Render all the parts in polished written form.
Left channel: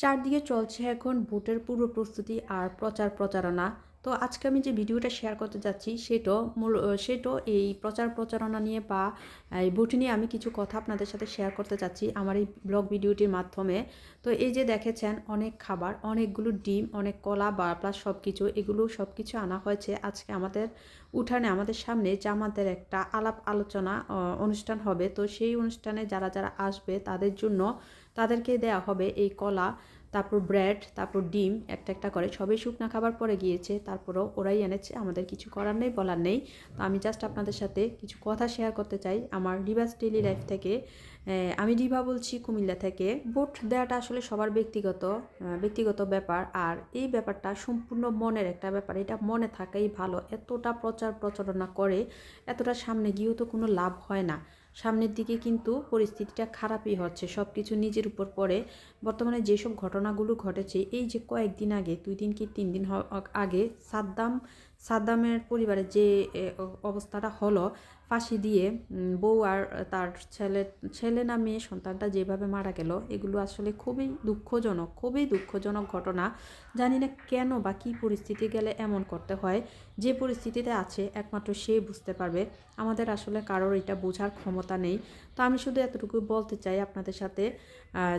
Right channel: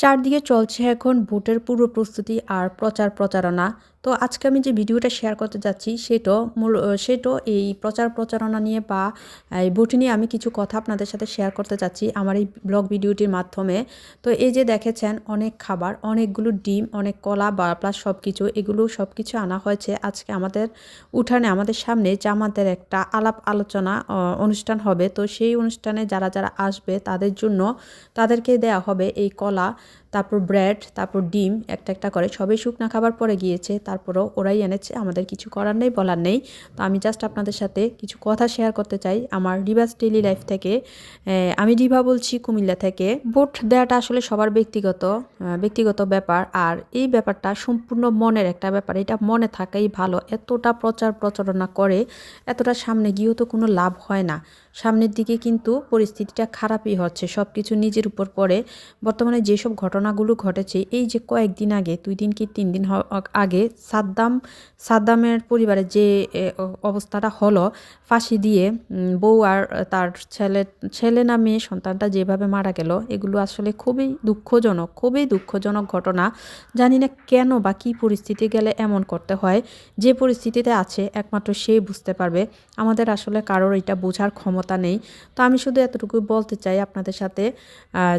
চারদিকে চলছে এখন ভোটের পূর্ব প্রস্তুতি আর প্রচার প্রচারণা। তো আজকে আমি যে ভিডিওটা শেয়ার করতে যাচ্ছি সেটা এই প্রচার প্রচারণা নিয়ে বা এই ভোট নিয়ে আমি কিছু কথা আপনাদের সাথে শেয়ার করতে চাচ্ছি আমার এই ব্লগ ভিডিওটির মাধ্যমে। তো এই যে দেখেছেন অনেক খাবার, অনেকগুলো ডিম, অনেক কলা বা প্লাস সব কিছু, এগুলো সব কিছু আনা হয়েছে আজকে আমাদের উঠানে, আমাদের সামনে জামাতের একটা আলাপ আলোচনা অনুষ্ঠান হবে। তো সেই অনুষ্ঠানে যারা যারা আসবে তাদের জন্য তাদেরকে দেয়া হবে এই কলা, তারপর ব্রেড, তারপর ডিম একটা একটা করে। সবই শুকনা খাবার পরে গিয়েছে, তারপরেও ওরাই এনেছে, আমাদের কিছু করার নেই, বলার নেই। তো আমি জাস্ট আপনাদের সাথে কিছু কথা শেয়ার করতে চাই আমার রিভাস ডেইলি লাইফ থেকে। আমি রিভা বলছি কুমিল্লা থেকে। ভোট দেওয়াটা আসলে সবার ব্যক্তিগত ব্যাপার, আর এই ব্যাপারটা সম্পূর্ণ মনের একটা ব্যাপার। এটা মনে থাকাই ভালো। এতটা প্রচার প্রচারণা করে এতটা সামনে গিয়েও তো কোনো লাভ হয় না। সামনের দিকে কিন্তু পরিস্থিতিটা খারাপই হচ্ছে, সব কিছু নিজের উপর পড়ে। বর্তমানে যেসব ঘটনাগুলো ঘটেছে, এই যে কয়েকদিন আগে, 2 দিন কি 3 দিন আগে সাদ্দামের পরিবারে যে অবস্থাটা হলো, ফাঁসি দিয়ে বউ আর তার ছেলে না মেয়ে সন্তানটা যেভাবে মারা গেল, এগুলো আসলে খুবই দুঃখজনক ঘটনা। জানি না কেন বা কী পরিস্থিতি গেলে এমন করতে হয়। যে পরিস্থিতিতে আছে একমাত্র সেই বুঝতে পারবে। আমাদের আসলে কারোর এটা বোঝার ক্ষমতা নেই। তো আমি শুধু এতটুকু বলতে চাই আপনাদের সাথে,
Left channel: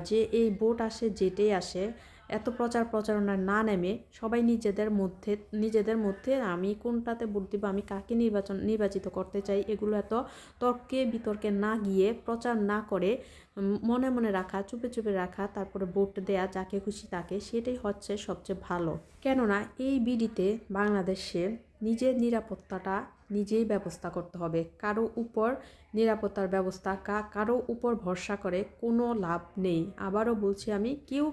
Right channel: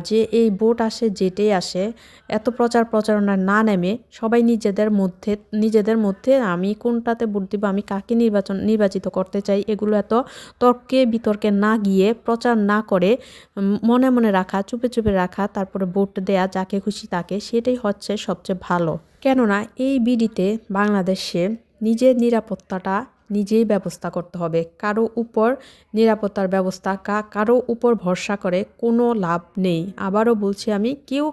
যে এই ভোট আসে যেটাই আসে, এত প্রচার প্রচারণা না নেমে সবাই নিজেদের মধ্যে আমি কোনটাতে ভোট দিব, আমি কাকে নির্বাচিত করতে চাই, এগুলো এত তর্কে বিতর্কে না গিয়ে, প্রচার না করে মনে মনে রাখা, চুপে চুপে রাখা, তারপরে ভোট দেয়া যাকে খুশি তাকে, সেটাই হচ্ছে সবচেয়ে ভালো। কেননা এই বিডিতে বাংলাদেশে নিজের নিরাপত্তাটা নিজেই ব্যবস্থা করতে হবে। কারো উপর নিরাপত্তার ব্যবস্থা কারো উপর ভরসা করে কোনো লাভ নেই। আবারও বলছি আমি, কেউ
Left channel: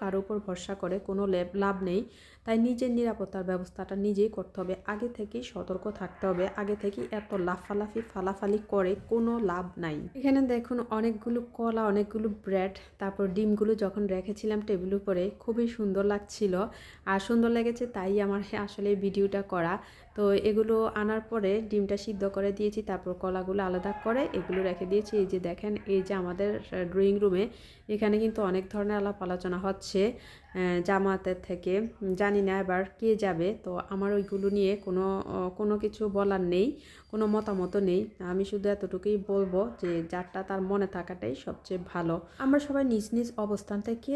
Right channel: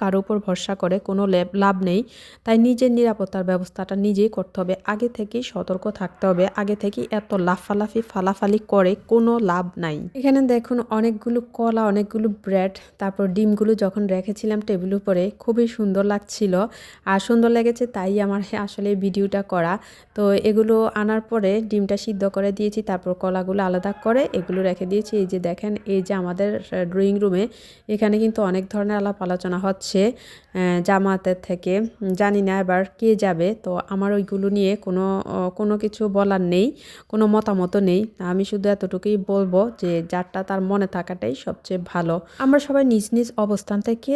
কারো উপর ভরসা করে কোনো লাভ নেই। তাই নিজের নিরাপত্তার ব্যবস্থাটা নিজেই করতে হবে। আগে থেকেই সতর্ক থাকতে হবে। আগে থেকেই এত লাফালাফি ফালাফালি করে কোনো লাভ নাই। এখানে দেখুন অনেকগুলো কলা, অনেকগুলো ব্রেড, তারপর ডিমগুলো যখন রেখেছিলাম টেবিলের উপরে, খুবই সুন্দর লাগছিল। আর সুন্দর লেগেছে তাই আমার আসলে ভিডিওটা করা। তো এগুলো আনার পরে ডিমটা সিদ্ধ করে দিয়েছি, তারপর কলাগুলো আলাদা করে এগুলো রেখে দিয়েছি। এই যে দেখেন, এই যে আমাদের ড্রয়িং রুমে, এখানে কিন্তু অনেক ধরনের আলাপ আলোচনা হচ্ছে জামায়াতের থেকে। জানি না এবার কে যাবে, তো আমার ওইগুলো নিয়ে কোনো কিছু বলার নেই, কোনো মতামত নেই। আমি শুধু এতটুকুই বলবো যে যারটা তার মনে থাকাটাই সবচেয়ে ভালো। আমরা সবাই নিজ নিজ অবস্থান থেকে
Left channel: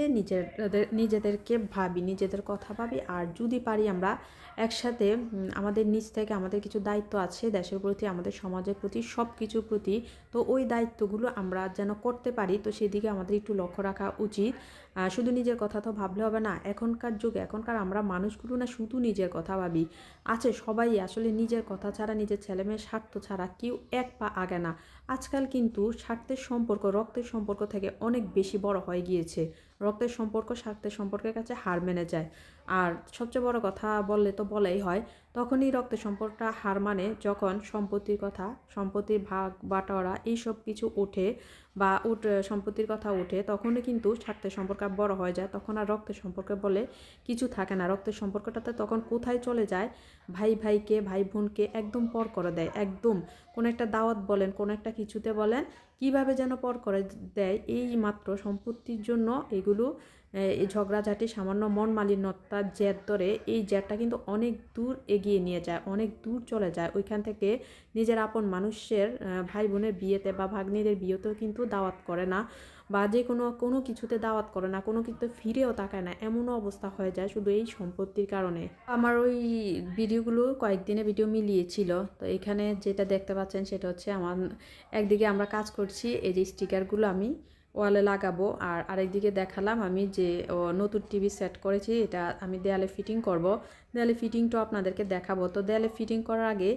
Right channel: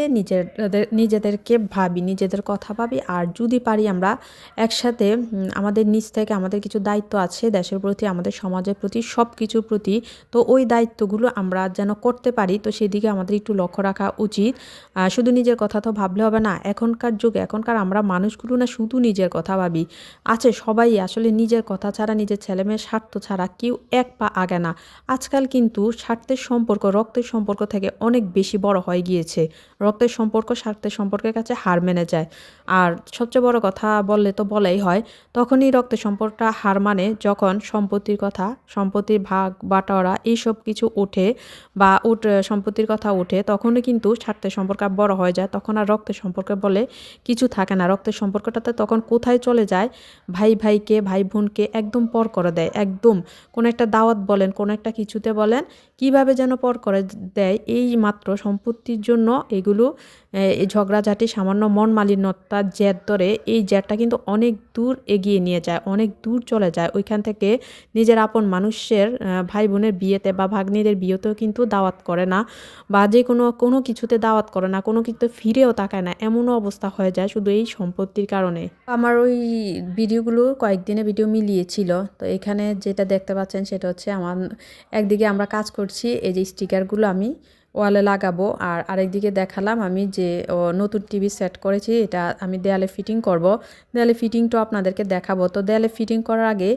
নিজেদেরকে ভাবি, নিজেদের কথা ভাবি। আর যদি পারি আমরা একসাথে আমাদের নিজ থেকে, আমাদের কিছু দায়িত্ব আছে দেশের প্রতি, আমাদের সমাজের প্রতি, সব কিছুর প্রতি। তো ওই দায়িত্বগুলো আমরা যেন করতে পারি, তো সেদিকে আমাদের একটু লক্ষ্য রাখা উচিত। শুধু নিজের কথা তো ভাবলে হবে না। এখনকার যুগে, এখনকার আমরা মানুষগুলো না শুধু নিজের কথা ভাবি। আছে সবাই আসলে নিজের কথা ছাড়া, নিজের ছেলেমেয়ের স্বার্থ ছাড়া কেউ এক পা আগে না। আজকাল কিন্তু স্বার্থের সম্পর্ক রক্তের সম্পর্ক থেকে অনেক বেশি বড় হয়ে গিয়েছে। রক্তের সম্পর্ক স্বার্থের সম্পর্কের কাছে হার মেনে যায়। আর সবচেয়ে বড় কথা বললে তো বলাই হয়, তখনই রক্তের সম্পর্কটা হার মানে যখন সম্পত্তির কথা, সম্পত্তির ভাগ বাটোয়ারা এইসব কিছু ওঠে, বা সম্পত্তির কথা ওঠে, তখনই কিন্তু স্বার্থের সম্পর্ক বড় হয়ে যায়। তখন আর রক্তের সম্পর্ক বলে কিছু থাকে না। রক্তের সম্পর্কটাতে তখন কোথায় চলে যায়, ভাই ভাইকে, ভাই বোনকে একদম পর করে দেয়। একদম কোনো একটা দাওয়াত বলেন, কোনো একটা কিছুতে বলেন, কিভাবে যেন পর করে দেয়। এই মাত্র সম্পত্তির জন্য এগুলো এই ঝগড়াঝাটি, সামান্য মন মালিন্যতার জের ধরে, এই জেরটা কিন্তু অনেক দূর এগিয়ে নিয়ে যায়, অনেক দূর চলে যায়। ওইখান থেকে নিজের আপন মানুষের ভাই বোনের বিয়েতে বা ভাগ্নিদের বিয়েতেও কিন্তু দাওয়াত করে না, বা যে কোনো কিছুতে দাওয়াত করে না, কোনো কিছুতে ফিরেও তাকায় না, এমনও অবস্থা হয়ে যায় শুধু এই সম্পত্তির কারণে। আমার ওই ভিডিওগুলো কয়েকদিনের ভিডিও মিলিয়েছিল। তো এখানে যেটা দেখতে পাচ্ছেন সেটা হচ্ছে আমার, একদিকে আমরা কাজ করছি, এই যে স্টিকারগুলো আমি ওয়ালে লাগাবো, আর আরেকদিকে দেখালাম আমি যে নতুন টিভি সেট করেছি, এটা আমি দেয়ালে ফিটিং করব। দেয়ালে ফিটিংটা আপনাদেরকে দেখাবো। তো দেয়ালে ফিটিং করার আগে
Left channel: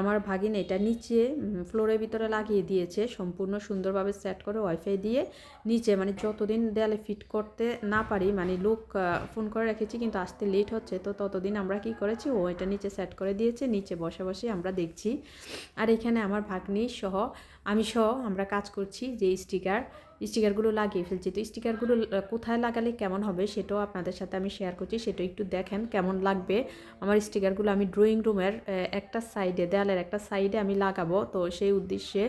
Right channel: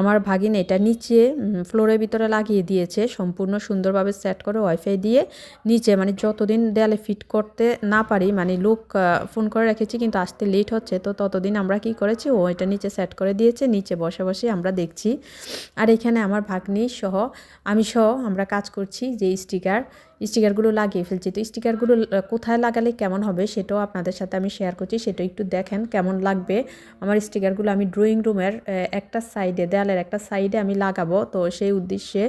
আমার ভাগিন এটা নিচে ফ্লোরের ভিতরে লাগিয়ে দিয়েছে, সম্পূর্ণ সুন্দরভাবে সেট করে ওয়াইফাই দিয়ে নিচে। মানে যতদিন দেয়ালে ফিট করতে না পারি, মানে লোক ফোন করে রেখেছি কিন্তু আসতে লেট হচ্ছে, তো ততদিন আমরা কি করেছি, ও এটা নিচে সেট করে দিয়েছে, নিচে বসে বসে আমরা দেখছি। আর এখানে আমার ভাগ্নি সহ, আমি সহ আমরা কাজ করছি। যে স্টিকারগুলো লাগিয়ে ফেলছি। তো স্টিকারগুলো কোথায় লাগালে কেমন হবে সেটাও আপনাদের সাথে আমি শেয়ার করছি, সেটা একটু দেখেন কেমন লাগবে। আমার স্টিকারগুলো আমি ড্রয়িং রুমের একটা সাইডে, দেয়ালের একটা সাইডে আমি লাগাবো। তো সেই উদ্দেশ্যে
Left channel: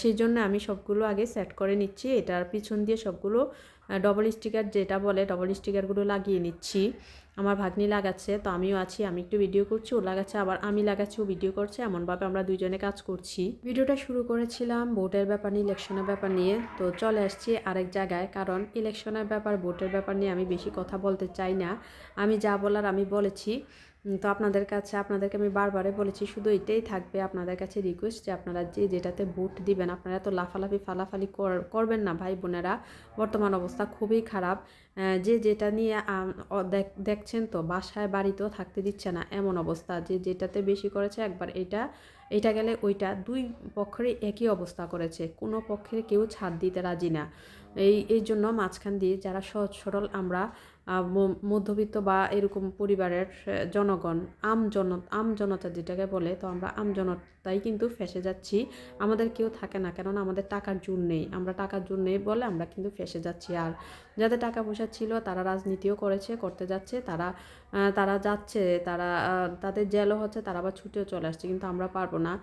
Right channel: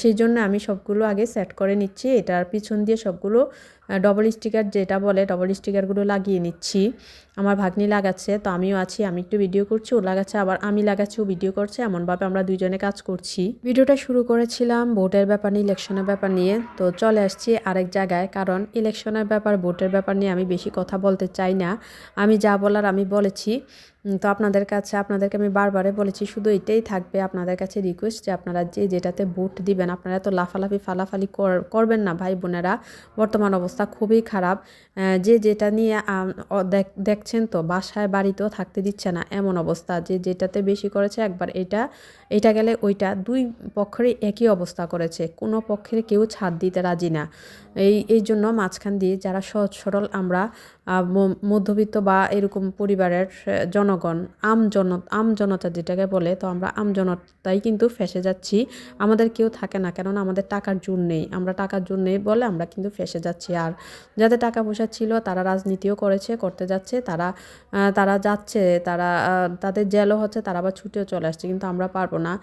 সেই জন্য আমি সবগুলো আগে সেট করে নিচ্ছি। এটার পিছন দিয়ে সবগুলো ডবল স্টিকার যেটা বলে ডবল স্টিকারগুলো লাগিয়ে নিচ্ছি। আমার ভাগ্নি লাগাচ্ছে, তো আমিও আছি, আমি একটু ভিডিও করছি, ও লাগাচ্ছে, আবার আমি লাগাচ্ছি, ও ভিডিও করছে, এমনভাবে আমরা দুইজনে কাজ করছি। ভিডিওটা শুরু করেছিলাম ভোটের ব্যাপার নিয়ে, ইলেকশনের ব্যাপার নিয়ে, তো চলে আসছি আরেক জায়গায়, কারণ ইলেকশনের ব্যাপার ভোটের ব্যাপার নিয়ে আমি বেশি কথা বলতে চাই না। আমি যা বলার আমি বলেছি। তো আপনাদেরকে আমি বারবারে বলেছি, শুধু এটাই থাকবে আপনাদের কাছে রিকোয়েস্ট যে আপনারা যে যেটাতে ভোট দিবেন আপনারা তো লাফালাফি ফালাফালি করবেন না ভাই বোনেরা। বর্তমান অবস্থা খুবই খারাপ। যে যেটা নিয়ে দেখছেন তো বাসায় বাড়িতেও থাকতে দিচ্ছে না, এমন অবস্থা। যে যেটাতে বেশি করেছে একবার এটা গেলে ওইটা, দুই পক্ষেরই একই অবস্থা করেছে, কোনো পক্ষের কেউ ছাড় দিতে রাজি না। এই জন্য মাঝখান দিয়ে যারা সহজ সরল আমরা মধ্যবিত্ত বা এরকম পরিবারের জনগণ, আম জনতা যেটাকে বলে, তো আমরা আম জনতাই কিন্তু ফেঁসে যাচ্ছি। আমাদের কেউ থাকে না, কেননা আমাদের টাকার জোর নেই। আমরা টাকার জোর নেই বলে আমরা কিন্তু ফেঁসে যাচ্ছি। আর যাদের টাকা পয়সা ছিল তারা রাজনীতিও করতে যাচ্ছে, তারা যাচ্ছে, তাদের জেলও হচ্ছে, তারা আবার ছুটেও চলে আসছে, কিন্তু আমরা পারবো না।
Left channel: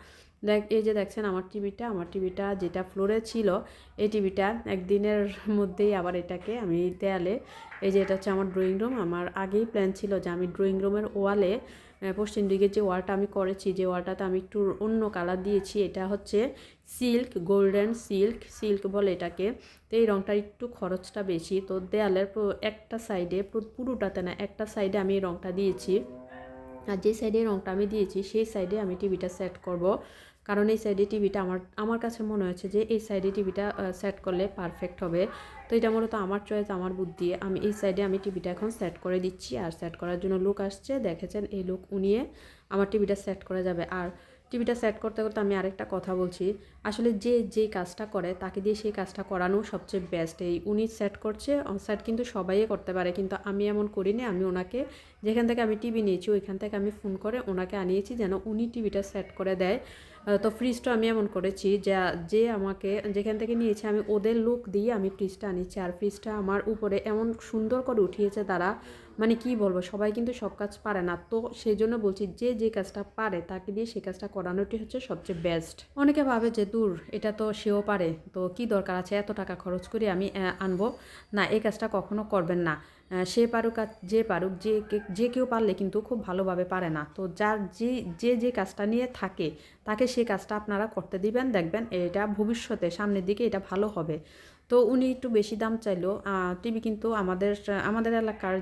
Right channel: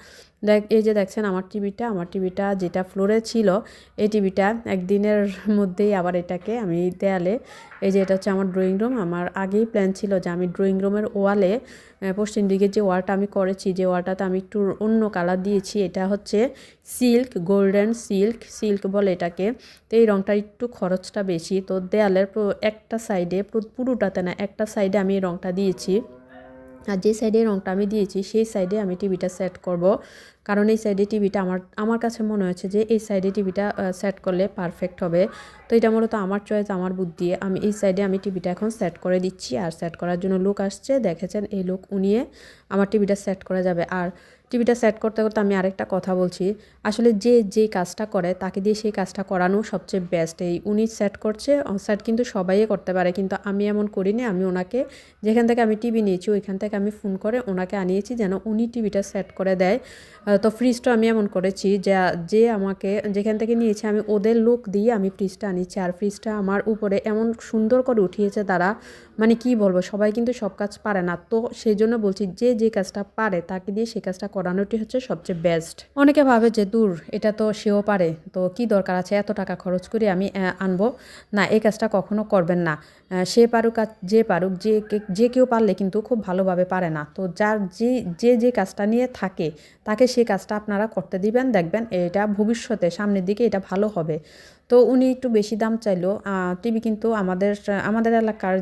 এই যে দেখছেন আমার টিভিটা যেটা ফ্লোরে ছিল, এই টিভিটা একদিনের মধ্যেই আবার এটাকে আমি দেয়ালে, এই যে এটা হচ্ছে আমার ড্রয়িং রুম। আমার আগেই প্ল্যান ছিল যে আমি ড্রয়িং রুমের ওয়ালে, পশ্চিম দিকে যে ওয়ালটা আমি করেছি, যে ওয়ালটাতে আমি একটু অন্য কালার দিয়েছি, এটা হচ্ছে গোল্ডেন সিল্ক বলে এটাকে। তো এই রঙটা একটু খরচটা বেশি, তো দেয়ালের একটা সাইডে, পুরোটাতে না, একটা সাইডে আমি এই রঙটা দিয়েছি। আর যে সাইডে রঙটা আমি দিয়েছি সেই সাইডে আমি টিভিটা সেট করব, কারণ এই সাইডে টিভিটা আমার কাছে মনে হয়েছে যে এই সাইডে টিভিটা সেট করলে পারফেক্ট হবে। তো এটা মূলত আমার চয়েস, আমার বুদ্ধি। আমি এই সাইডে আমি টিভিটা এখন সেট করে দিচ্ছি। আর সেট করার জন্য লোক আসছে, দেখেছেন এই লোক উনিয়ে আমার টিভিটা সেট করা যাবে। আর টিভিটা সেট করতে করতে আমি আরেকটা কথা বলছি, আসলে যে কাজটা করে তাকে দিয়ে সেই কাজটা করানো সবচেয়ে বেস্ট। এই উনি সেট করছে, সেট কিন্তু সবাই করতে পারে, কিন্তু আমি এমন করিনি। আমি ওনাকে, যেখান থেকে আমি টিভি নিয়েছি ওইখান থেকে আমি ফোন করে ওনাকে আনিয়েছি যেন উনি টিভিটা সেট করে দেয়। তো ফ্রিজটা আমি এমন করেছি যে আমাকে যেখান থেকে নিয়েছে আমি ওদের লোক দিয়ে আমি ফ্রিজটা আনিয়েছি। আর ফ্রিজটা আমার উপরে এমন সুন্দর করে উঠিয়েছে তারা, মানে কি বলবো, সবাই কিন্তু সব কাজ পারে না। তো সেই জন্য বলছি যে কাজটা পারে তাকে দিয়ে সেই কাজটা করানোটি হচ্ছে সবচেয়ে বেস্ট। অনেকে ভাবে যে দূর, এটা তো সেও পারে, তো কি দরকার আছে এত টাকা খরচ করে আমি আনবো। না, এই কাজটা কখনো করবেন না। সে পারুক আর যে পারুক, যে কেউ পারলে কিন্তু খুব ভালোভাবে পারে না। তো যার যে কাজটা নিয়ে থাকে তাকে সেই কাজটা আপনারা করতে দিবেন, দেখবেন এটা ভবিষ্যতে সামনের দিকে এটা ভালো হবে। তো উনি একটু বেশি দাম চাইলো। টিভি কিন্তু আমাদের এলাকার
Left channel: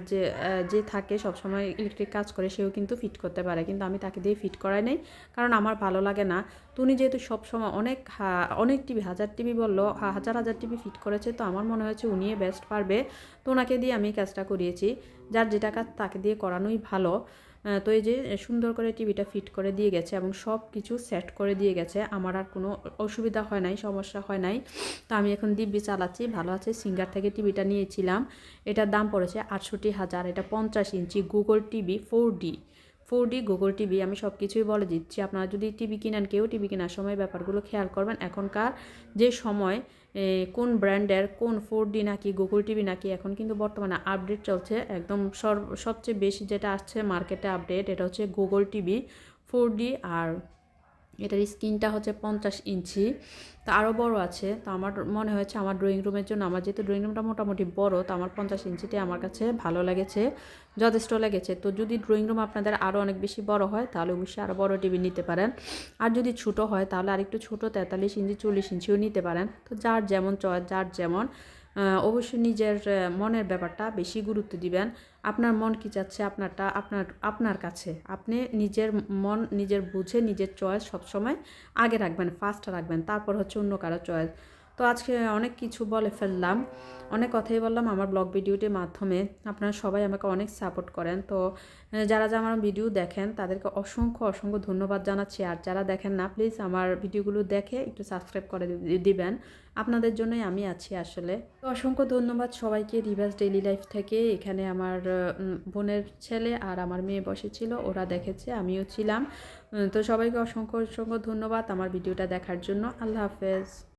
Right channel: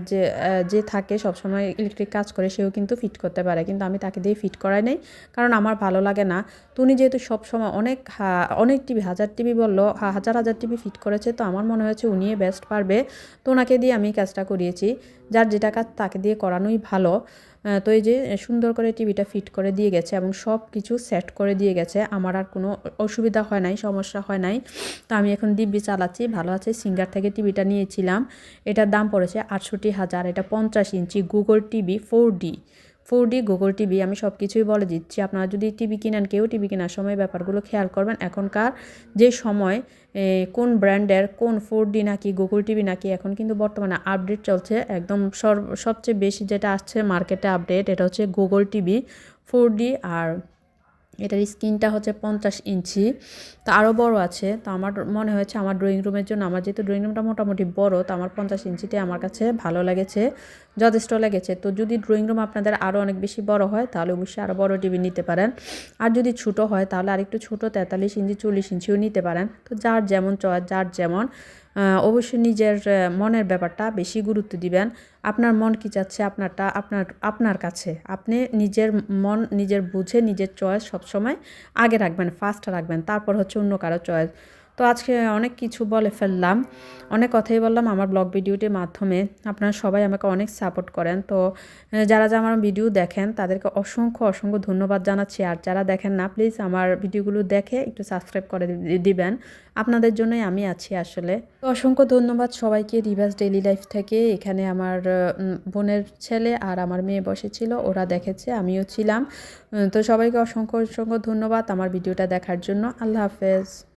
যে থাকে সবসময় ইলেকট্রিক কাজ করে, সেও কিন্তু ফিট করতে পারে, কিন্তু আমি তাকে দিয়ে ফিট করাই নাই, কারণ আমার ভালো লাগে না। তো উনি যেহেতু সবসময় অনেক টিভি, হাজার টিভি বললো, হাজার টিভি ফিট করেছে, তো আমার মনে হয়েছে উনিই বেস্ট পারবে। তো ওনাকে দিয়ে আমি কাজটা করিয়েছি। যার যেটা কাজ তাকে দিয়ে করানোই ভালো। তো এই যে সুন্দর করে টিভিটা ফিট করে দিয়ে গেছে এবং সব কিছু সেট করে দিয়ে গেছে, আমার আর কোনো অসুবিধা হয় নাই, সমস্যা হয় নাই। তো আমি এখন দিব্যি চালাচ্ছি, ভালো আছে। সিঙ্গার থেকে টিভিটা নিয়েছিলাম, এটার দাম পড়েছে 68,000। এটা 50 inch Google TV 4D Google TV. আমি সব কিছুই বলে দিচ্ছি, আপনারা যদি টিভি কিনেন, কেউ টিভি কেনার সময় ব্যাপারগুলো খেয়াল করবেন। এখনকার যে সময়, কোন ব্র্যান্ডের কোন 4D নাকি গুগল টিভি নাকি, এখন কিন্তু বর্তমানে আপডেট চলছে একদম। সবচেয়ে বেশি যেটা আসছে মার্কেটে আপডেট, এটা হচ্ছে গুগল টিভি 4D। আর এটার স্ক্রিনটা হচ্ছে 50 ইঞ্চি, তো আরও বড় আছে। তো আমার মনে হয়েছে আমার ড্রয়িং রুমের জন্য, আমার যেহেতু ড্রয়িং রুমটা মোটামুটি বড়, তো আমার 50 ইঞ্চিতে আমার কাছে ভালো লেগেছে, যথেষ্ট লেগেছে। তো যদি ড্রয়িং রুম আপনাদের আরও অনেক বেশি বড় হয় তাহলে অবশ্যই আরও বড় টিভি নিতে পারেন। আর যদি ছোটো হয় তাহলে আরেকটু ছোটো 43 ইঞ্চি 40 ইঞ্চিও নিতে পারেন। তো যার যেমন চয়েস, যার যেমন। অবশ্যই নিজের মনের ব্যাপারটা বেশি গুরুত্ব দিবেন। আপনার মন কী চাচ্ছে আপনার কাছে, আপনি নিজের মন নিজের বুঝে নিজের চয়েস সবসময় আগে রাখবেন, ফার্স্ট রাখবেন, তারপর হচ্ছে অন্য কারো চয়েস। তো আজকে অনেক কিছু বলে ফেললাম, অনেক কথাই বললাম আমার ব্লগ ভিডিওটির মাধ্যমে। আপনারা সবাই আমাকে অনেক সাপোর্ট করেন। তো যারা আমার ভিডিও দেখেন তাদেরকে অসংখ্য ধন্যবাদ জানাচ্ছি। আর যারা দেখেন না, প্লিজ আমার ভিডিওগুলো দেখে একটু সাবস্ক্রাইব করে দিবেন, আপনাদের জন্যই আমি আছি আসলে। তো অসংখ্য ধন্যবাদ সবাইকে। রিভার্স ডেইলি লাইফ থেকে এখানে আমার বোনের ছেলে আর আমার মেয়ে বসেছিল, ওরা দেখেছে, আমিও ছিলাম। তো সবাইকে অসংখ্য ধন্যবাদ আমার ভিডিওটা দেখার জন্য। আল্লাহ হাফেজ।